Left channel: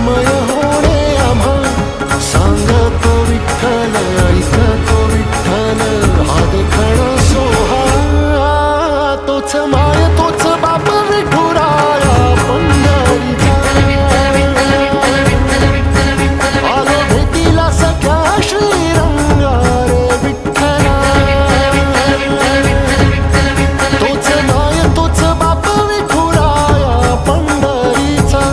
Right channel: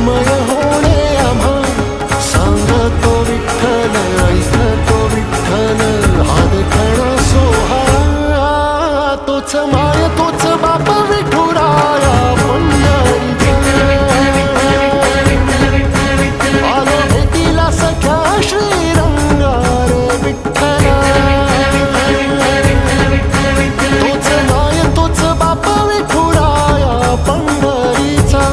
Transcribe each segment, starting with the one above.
तन्मय होणे आम्हा सांगतो विठ्ठल ऐकतो विठ्ठल हा देखणा सोहळा तोच माय तोच बाप विठुराया पंढरीचा आलो भेटीला सख्या श्रीरंगा रे विठ्ठला तोच माय तोच बाप विठुराया पंढरीचा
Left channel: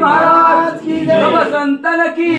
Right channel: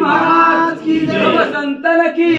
महाराज की जय, संतन की